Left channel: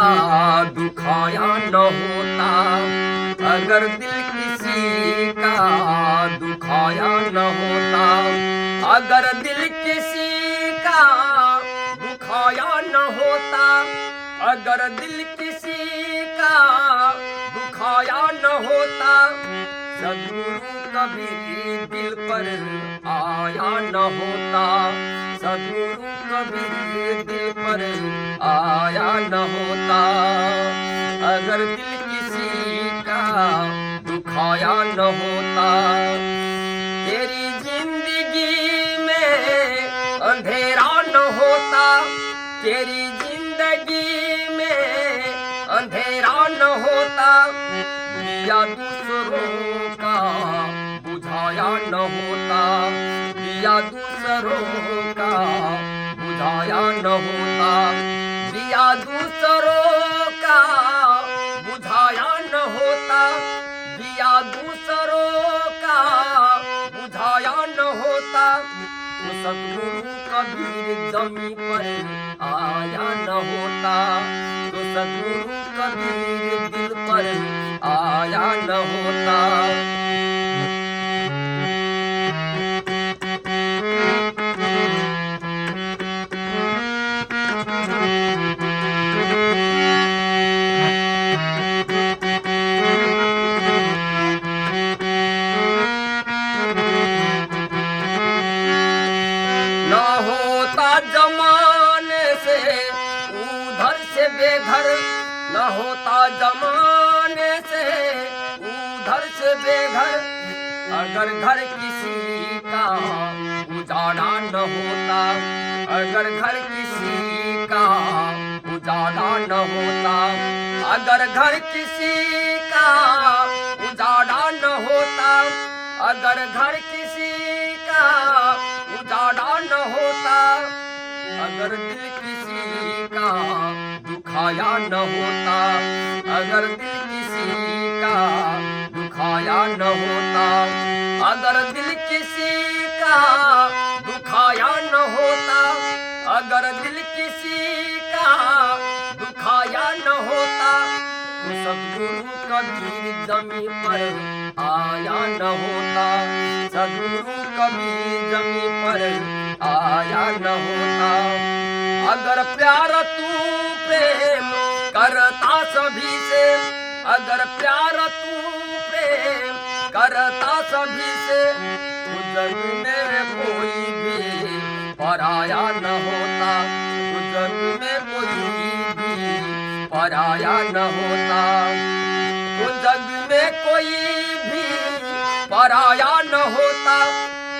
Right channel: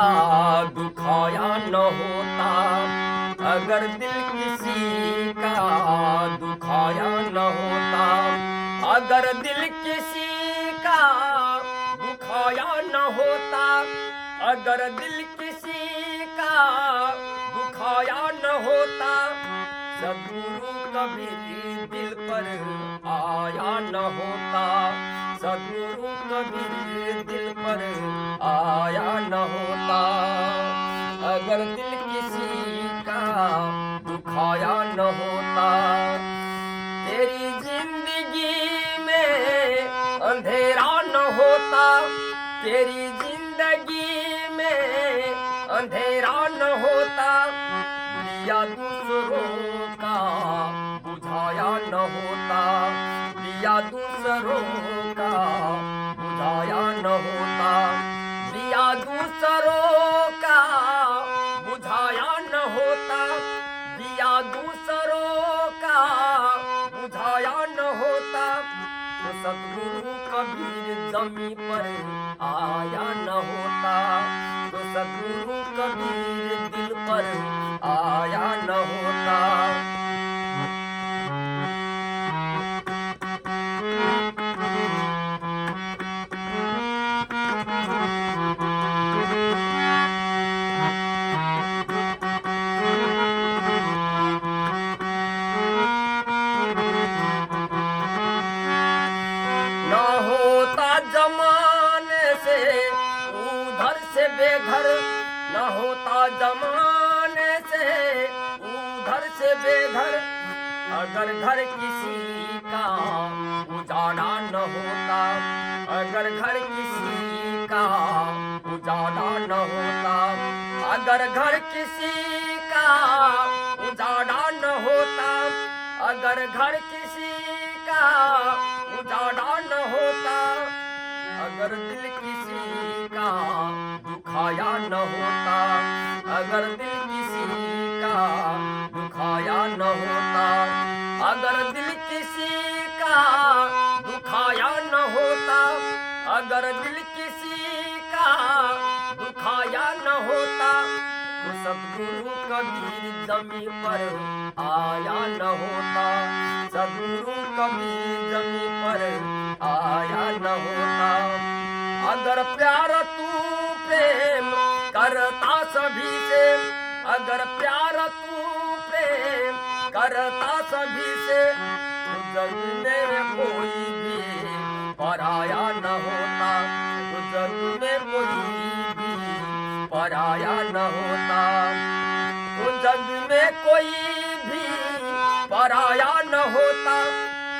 दुखाया न होता, अगर दिल किसी का दुखाया न होता, अगर दिल किसी का दुखाया न होता, अगर दिल किसी का दुखाया न होता, सद्गुरु कभी दिल पर आया न होता, सद्गुरु कभी दिल पर आया न होता, अगर दिल किसी का दुखाया न होता। तेरी जिंदगी में अंधेरा न होता, तेरी जिंदगी में अंधेरा न होता, दिया दूसरों का बुझाया न होता, दिया दूसरों का बुझाया न होता, दिया दूसरों का बुझाया न होता, दिया दूसरों का बुझाया न होता, तो सद्गुरु कबीर जमी पर आया न होता, तो सद्गुरु कबीर दिल पर आया न होता। न होता जमाने से उधर से बेघर, न होता जमाने से उधर से बेघर, अगर घर किसी का उजाड़ा न होता, अगर घर किसी का उजाड़ा न होता, अगर घर किसी का उजाड़ा न होता, अगर घर किसी का उजाड़ा न होता, अगर दिल किसी का दुखाया न होता, अगर दिल किसी का दुखाया न होता, अगर दिल किसी का दुखाया न होता, अगर दिल किसी का दुखाया न होता, तो सद्गुरु कबीर जमी पर आया न होता, सद्गुरु कबीर जमी पर आया न होता, अगर प्यार तू प्रेम करता सभी से, अगर प्यार तू प्रेम करता सभी से, तो जग में कोई भी पराया न होता, तो जग में कोई भी पराया न होता, तो जग में कोई भी पराया न होता,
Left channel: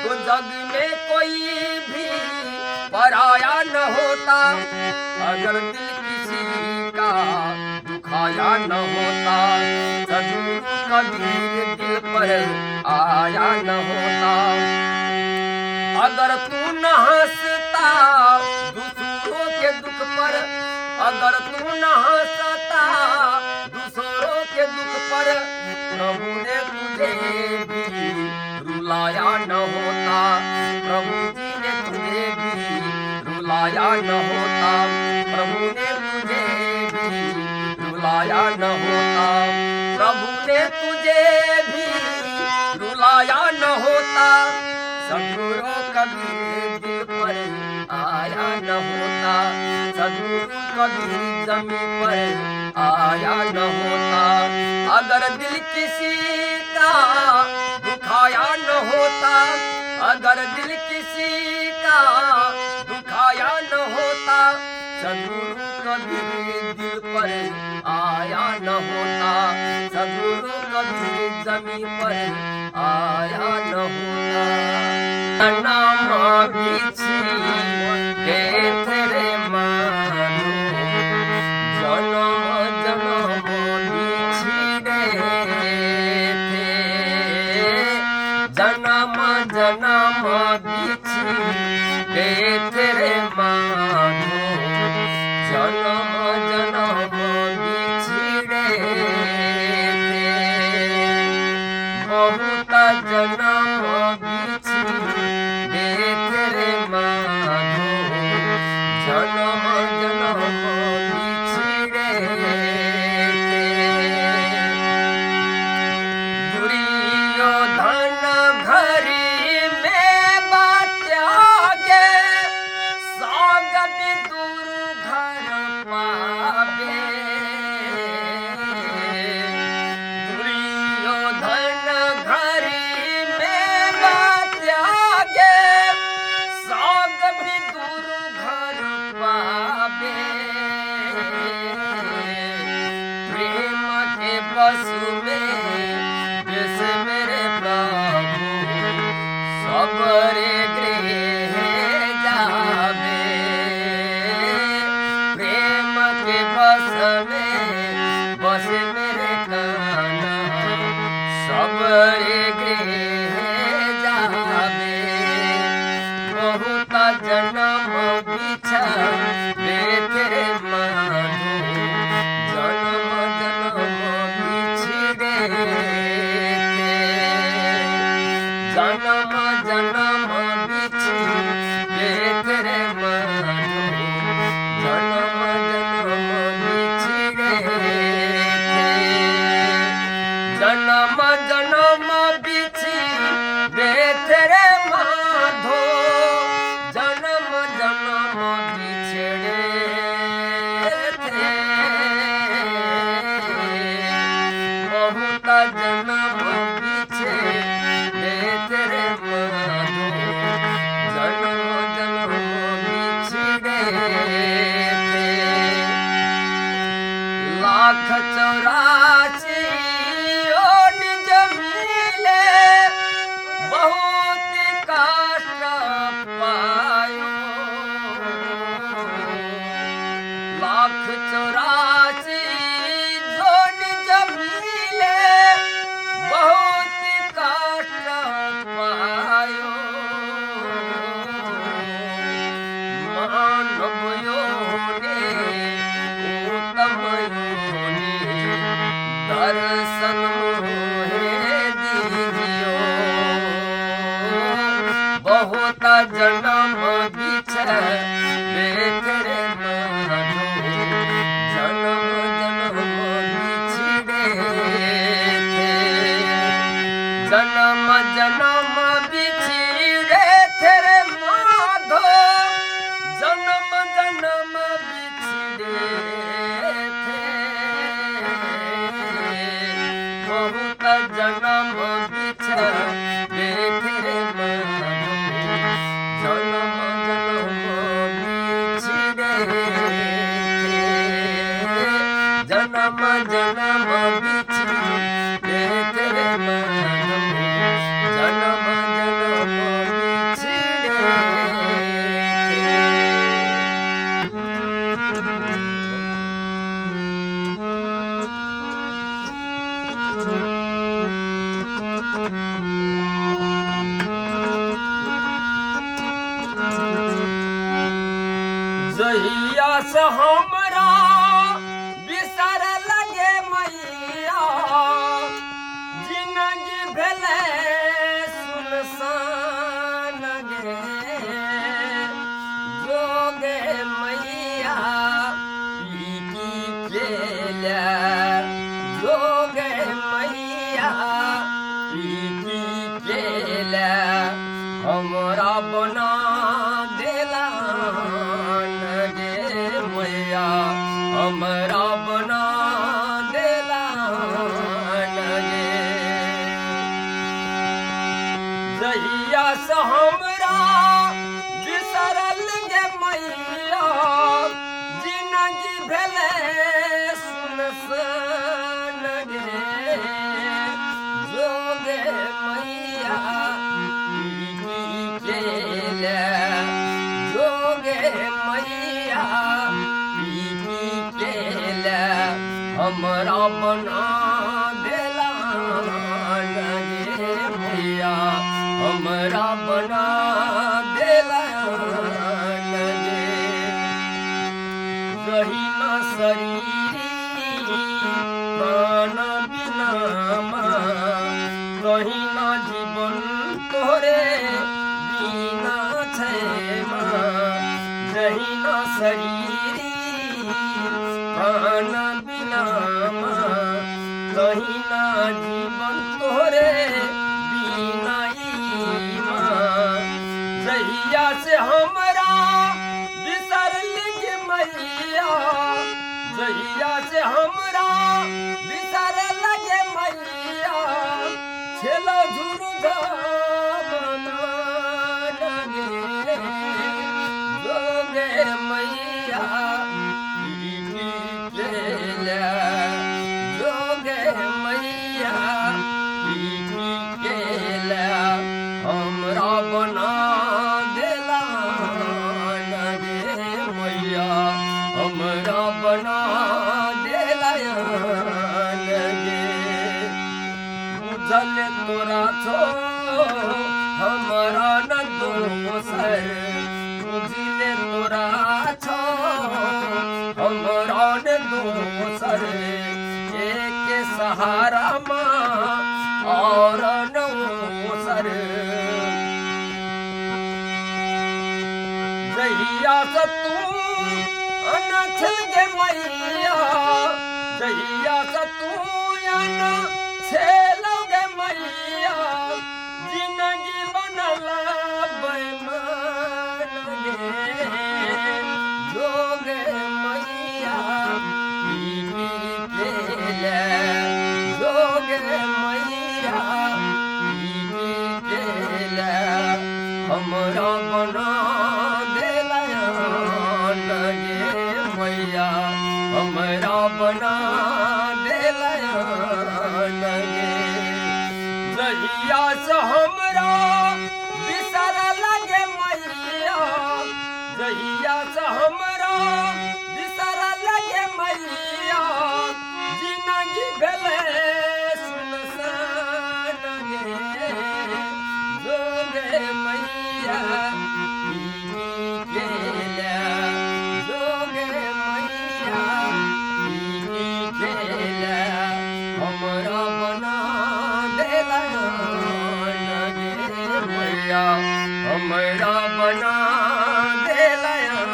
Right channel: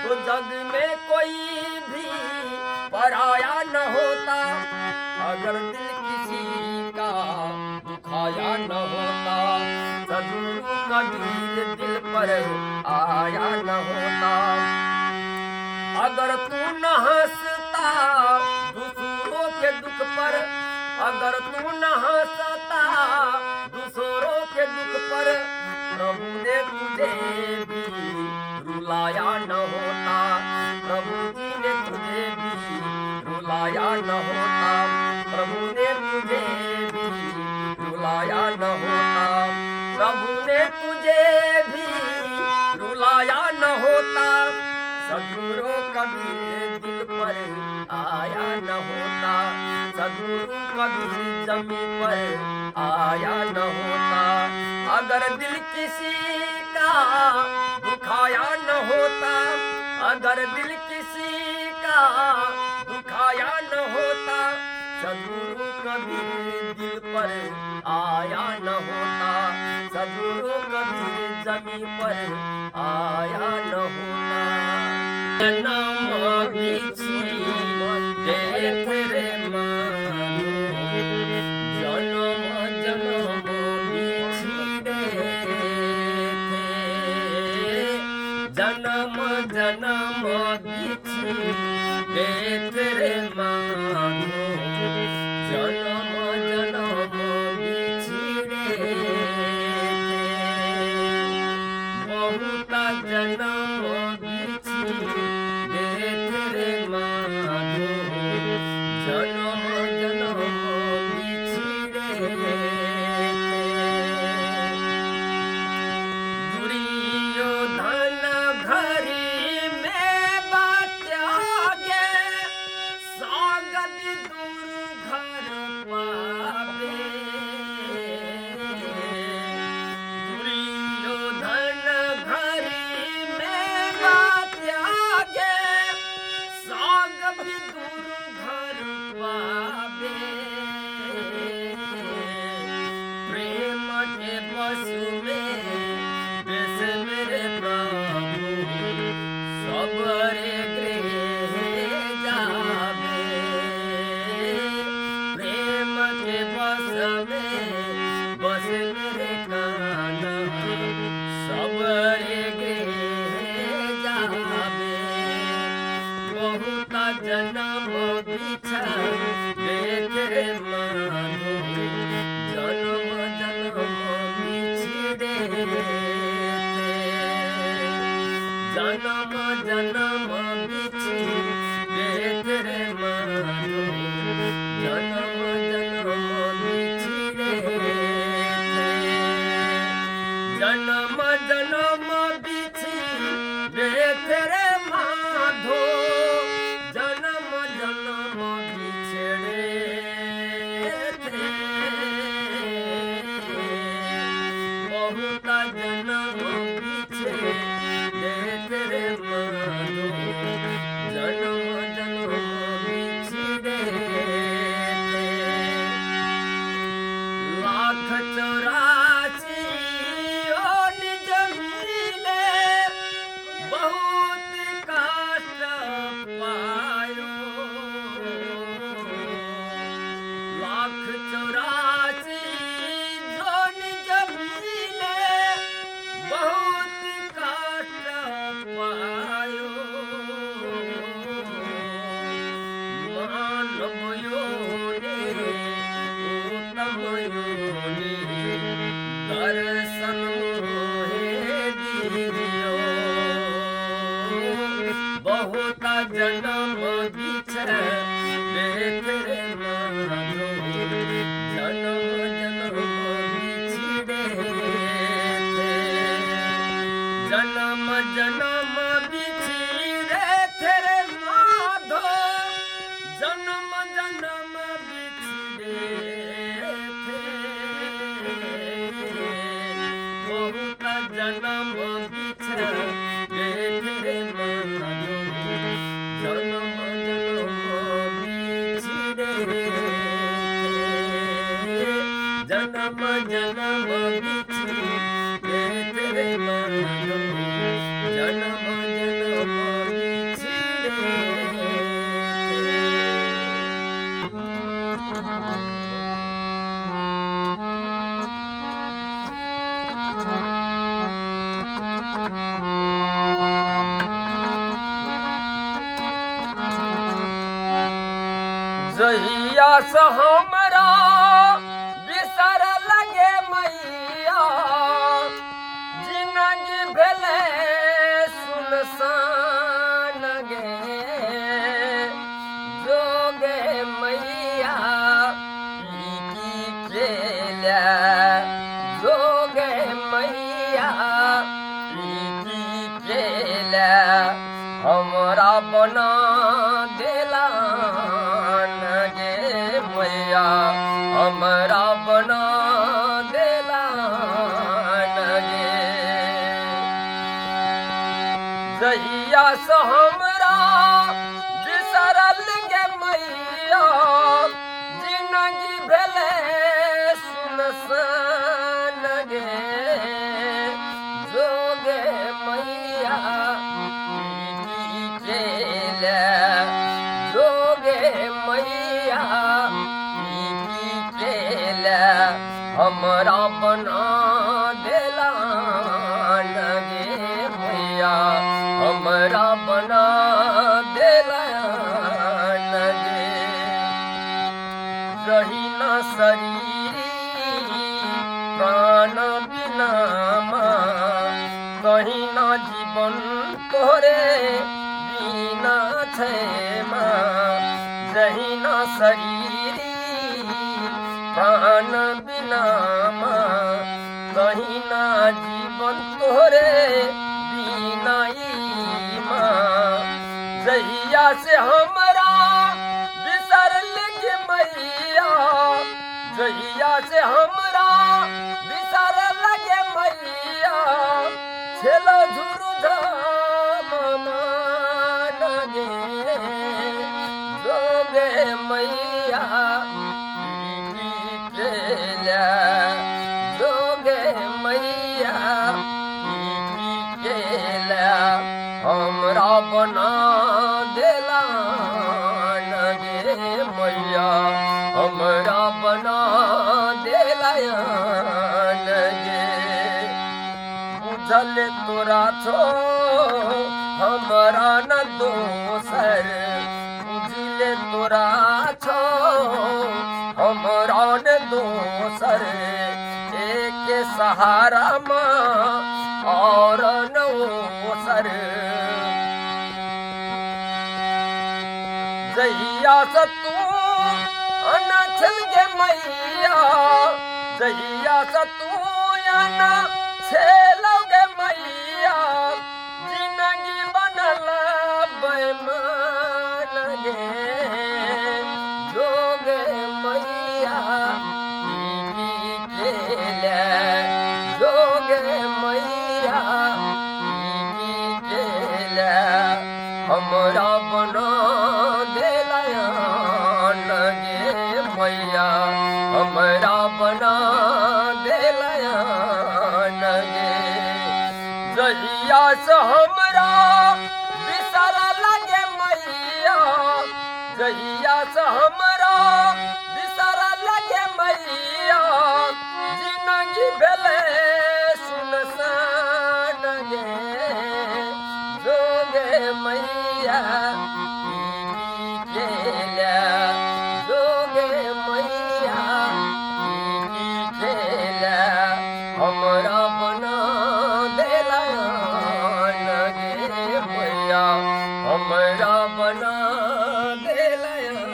तो जग में कोई भी पराया न होता, अगर दिल किसी का दुखाया न होता, सद्गुरु कबीर दिल पर आया न होता, अगर तू न हंसता दूसरों के दुख पर, अगर तू न हंसता दूसरों के दुख पर, प्रभु ने तुझे भी रुलाया न होता, प्रभु जी ने तुझे भी रुलाया न होता, प्रभु ने तुझे भी रुलाया न होता, प्रभु ने तुझे भी रुलाया न होता, सद्गुरु कबीर दिल पर आया न होता, सद्गुरु कबीर जमी पर आया न होता, अगर दिल किसी का दुखाया न होता, अगर दिल किसी का दुखाया न होता, सद्गुरु कबीर दिल पर आया न होता, सद्गुरु कबीर जमी पर आया न होता। नाम बिछी के तेरे मानो, जन्म जन्म बिछड़े थे, जन्म जन्म बिछी के तेरे मानो, जन्म जन्म बिछड़े थे, बहुत जन्म बिछड़े तेरे मानो, जन्म जन्म बिछड़े चौरासी निज मिले बहुत कष्ट पायो लाख चौरासी जो निज मिले बहुत कष्ट पायो मानव योनि उत्तम योनि दर्शन मोहे दीजियो बहुत जन्म बिछड़ तेरे माधो जन्म जन्म बिछड़े थे जन्म जन्म बिछड़े तेरे माधो जन्म जन्म बिछड़े बहुत जन्म बिछड़े तेरे माधो जन्म जन्म बिछड़े जन्म जन्म बिछड़े तेरे माधो जन्म जन्म बिछड़े जहिया से हमरा बिसर लगे मैया जिंदगी भेले सुनसान गे जोगे मैया की केला जोगे मैया की केला हमरा बना देला मैया हमरा बना देला गे जहिया से हमरा बिसरल गे मैया जिंदगी भेले सुनसान गे जोगे मैया केला जोगे मैया हमरा बना देला गे मैया हमरा बना देला गे रही न शरीरी प्राण बिना कहीं न जीवन तोरे बिना छै रही न शरीरी प्राण बिना कहीं ना जीवन तोरे बिना जहिया से हमरा बिसर लगे मैया जहिया से हमरा बिसर लगे मैया छेलो झुरु धाम लगे जोगे मैया जोगे मैया केला हमरा बना देला गे मैया हमरा बना देला गे बुझल तोरा छो हमरा न दोसर बुझले तोरा छो हमरा न दोसर एक सहारा माँ और नौसर जहिया से तू अनाथ गे मैया जहिया से तू अनाथ गे मैया जिंदगी बनल बेमान गे जोगे मैया जोगे मैया हमरा बना देला गे मैया हमरा बना दे जहिया से हमरा बिसर लगे मैया, जहिया से हमरा बिसर लगे मैया, जिंदगी भेले सुनसान गे जोगे मैया जोगे मैया हमरा बना देला गे मैया, हमरा बना देला गे।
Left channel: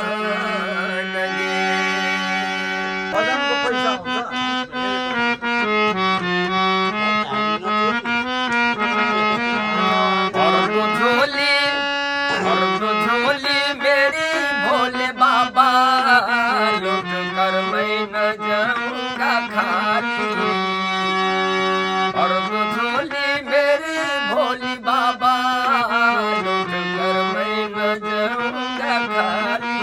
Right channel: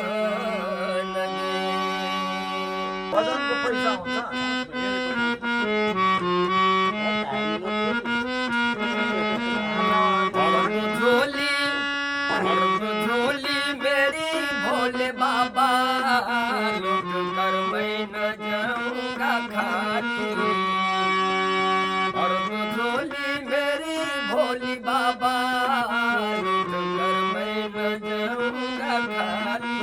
और तो झोली मेरी भोले बाबा, लुट कर मैं न जाऊंगा खाली। और तो झोली मेरी भोली बाबा, लुट कर मैं न जाऊंगा खाली।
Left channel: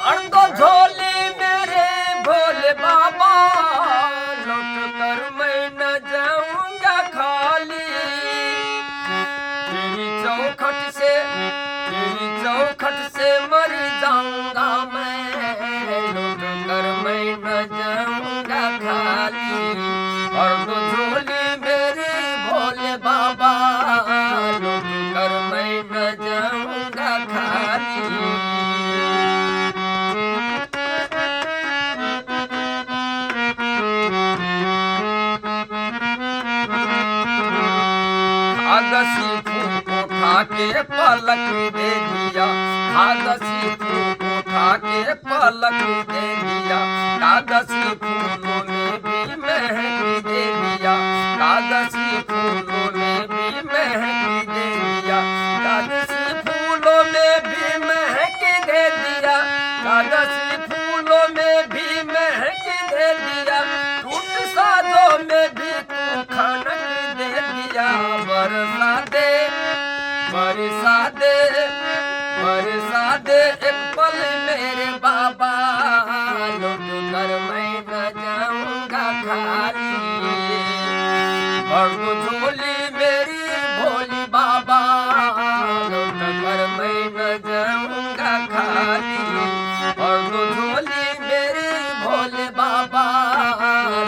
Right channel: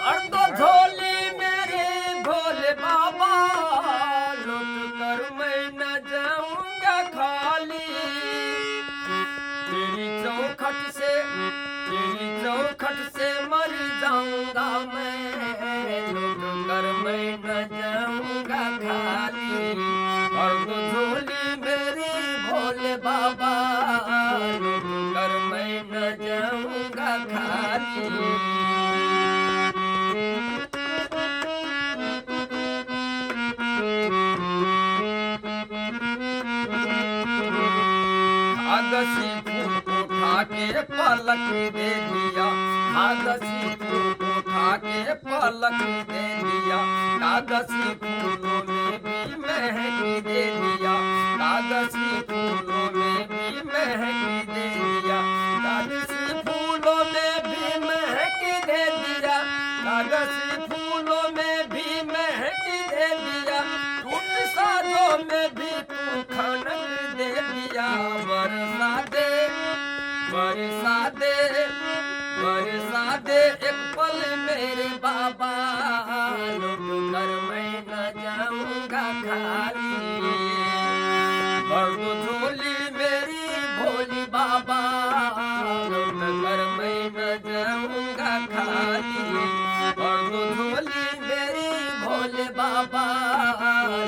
और तो झोली मेरे भोले बाबा, लुट कर मैं न जाऊंगा खाली। तेरी चौखट से मर जाऊंगा मैं, लुट कर मैं न जाऊंगा खाली। और तो झोली मेरी भोले बाबा, लुट कर मैं न जाऊंगा खाली। उठा के पलक दे दिया, कागजी फूल उठा के पलक दे दिया। कागजी फूलों में भी महक दे दिया, कागजी फूलों में भी महक दे दिया। कागजी फूलों में भी महक दे दिया, कागजी फूलों में भी महक दे दिया। टूट साजों में भी तू खनक दे दिया। बरसा दे बरसा दे बरसा दे एक पल मेरे बाबा, लुट कर मैं न जाऊंगा खाली। और तो झोली मेरी भोली बाबा, लुट कर मैं न जाऊंगा खाली। और तो झोली मेरी भोले बाबा,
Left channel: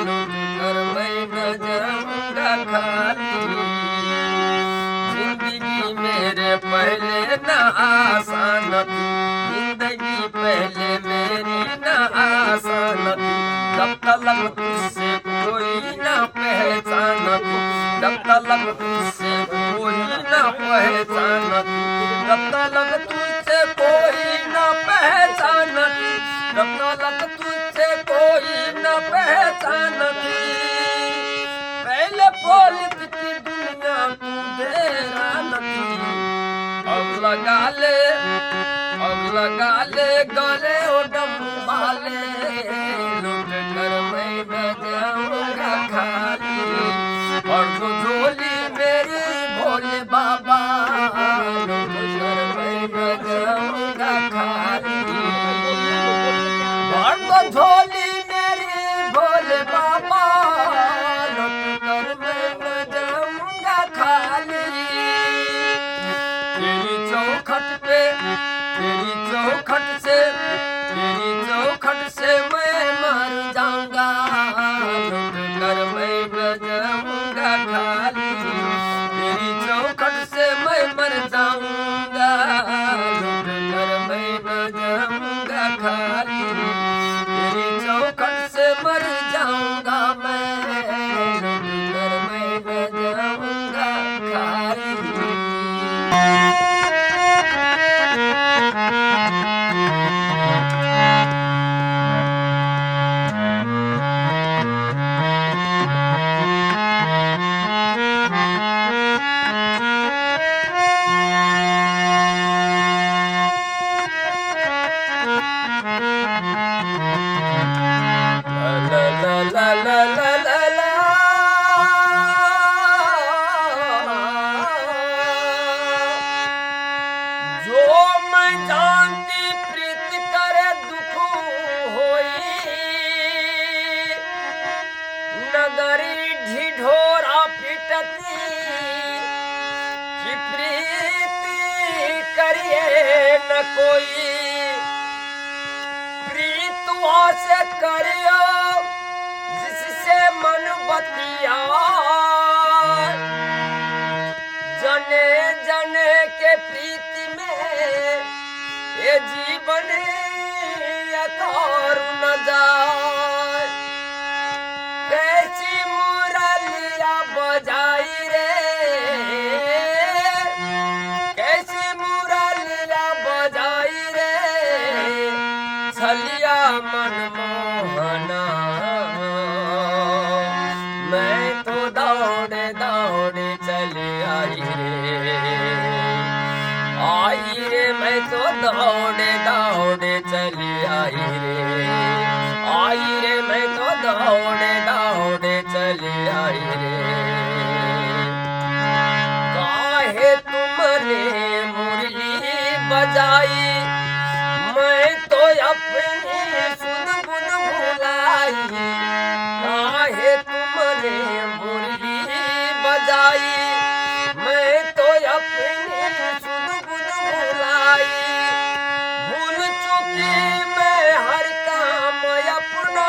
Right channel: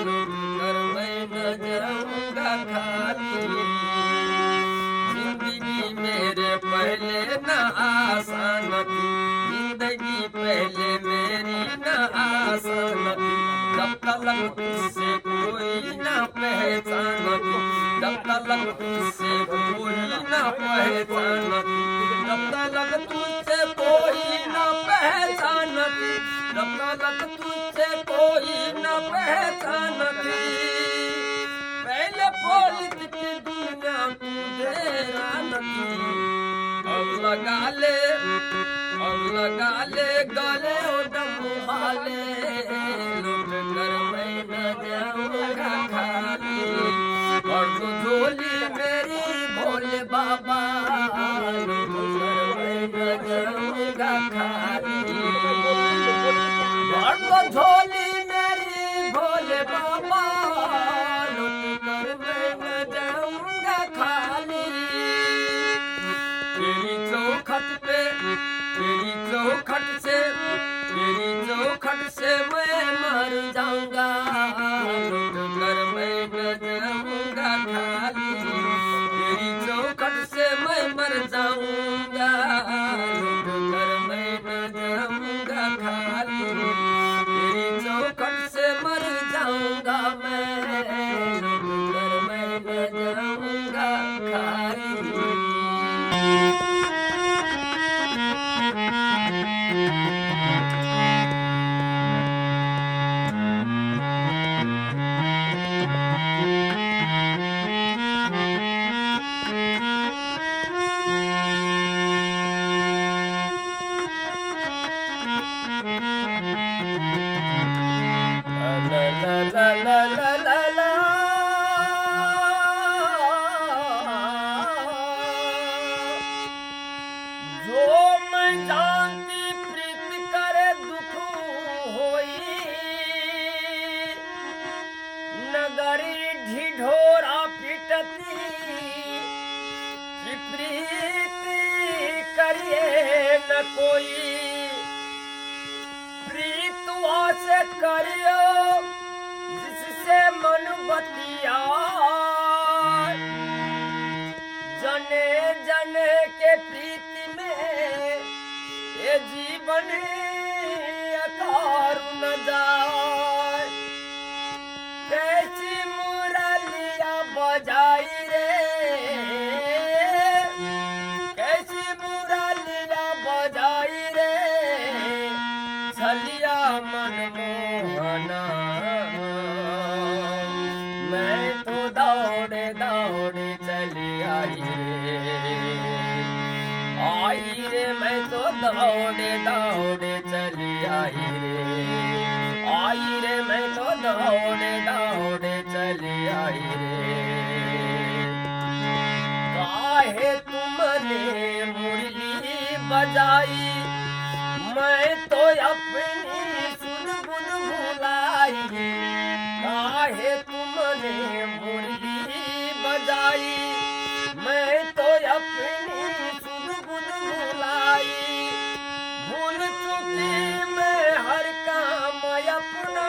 लुट कर मैं न जाऊंगा खाली। मेरे पहले न आसान थी, जिंदगी पहले मेरी न आसान थी। जब तलक तुझसे कोई न पहचान थी, जब तलक तुझसे कोई न पहचान थी। जब तलक तुझसे कोई न पहचान थी, जब तलक तुझसे कोई न पहचान थी। पहले पोलित की दुनिया तू देरा नहीं। अब लगा ले गले ओ डब्बू वाले, लुट कर मैं न जाऊंगा खाली। और तो झोली मेरी भोले बाबा, लुट कर मैं न जाऊंगा खाली। और तो झोली मेरी भोले बाबा, लुट कर मैं न जाऊंगा खाली। तेरी चौखट से मैं मर जाऊंगा, लुट कर मैं न जाऊंगा खाली। तेरी चौखट से मैं मर जाऊंगा, लुट कर मैं न जाऊंगा खाली। तेरी चौखट से मर जाऊंगा मैं, लुट कर मैं न जाऊंगा खाली। नगरी ढिढोरा विनती कि प्रीति करिए न कोई, प्रीतुआ से करियो जिससे मन बतिया, जने जने के प्रीति में ये जीवन अकार न जाए। कैसी मुरलिया बजाई रे, कैसी मुरलिया बजाई रे, छलिया मनमोहना। मैं तो दौड़े दौड़े चली आई रे, मैं तो दौड़े दौड़े चली आई रे, मैं तो दौड़े दौड़े चली आई रे। काहे तुमने मुरली बजाई, मैं तो अपनी सुध बुध भुलाई। काहे तुमने मुरली बजाई, मैं तो अपनी सुध बुध भुलाई। भूल चुकी मैं हर काम अपना,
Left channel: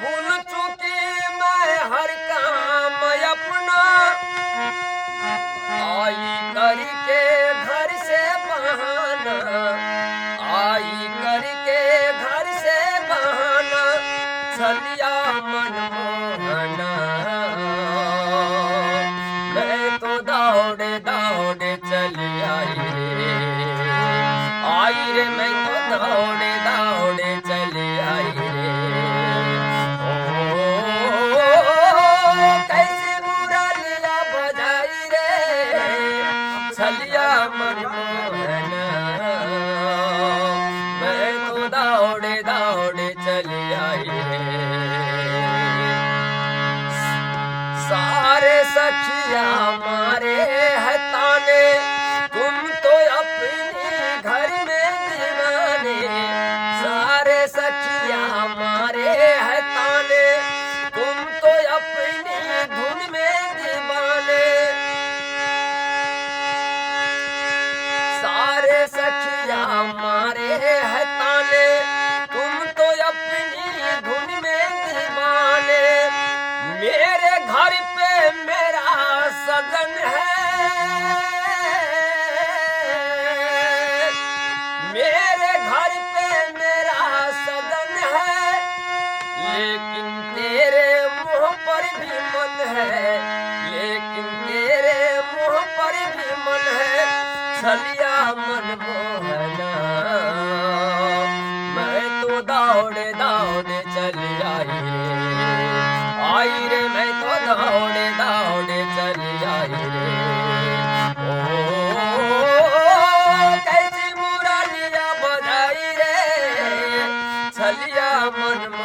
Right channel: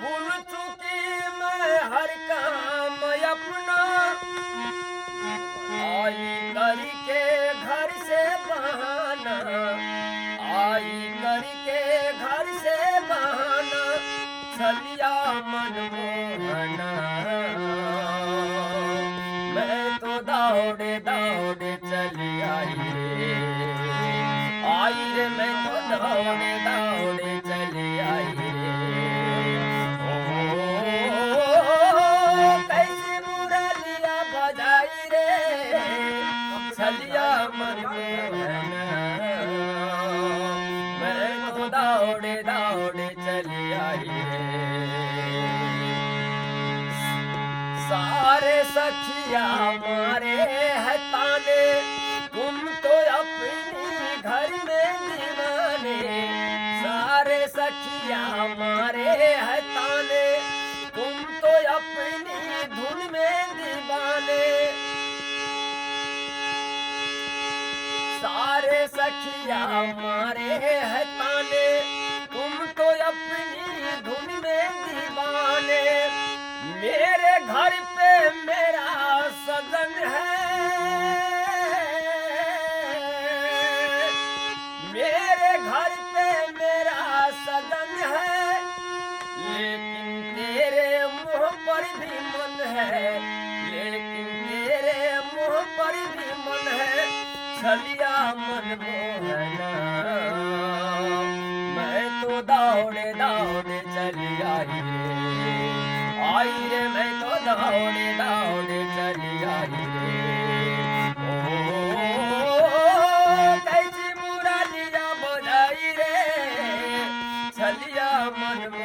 भूल चुकी मैं हर काम अपना। आई करके घर से बहाना, आई करके घर से बहाना, छलिया मनमोहना। मैं तो दौड़े दौड़े चली आई रे, मैं तो दौड़े दौड़े चली आई रे। ओ कैसी मुरलिया बजाई रे, छलिया मनमोहना। मैं तो दौड़े दौड़े चली आई रे। सारे सखिया मारे है ताने, तुम तो अपनी घर में दीवाने। सारे सखिया मारे है ताने, तुम तो अपनी धुन में दीवाने। सारे सखिया मारे है ताने, तुम तो अपनी धुन में दीवाने। मेरे घर पे मेरा सजन है, मेरे घर पे मेरा सजन है, लेकिन तेरे मुंह पर भी मन है, लेकिन तेरे मुंह पर भी मन है, छलिया मनमोहना। मैं तो दौड़े दौड़े चली आई रे, मैं तो दौड़े दौड़े चली आई रे। ओ कैसी मुरलिया बजाई रे, छलिया मनमोहना।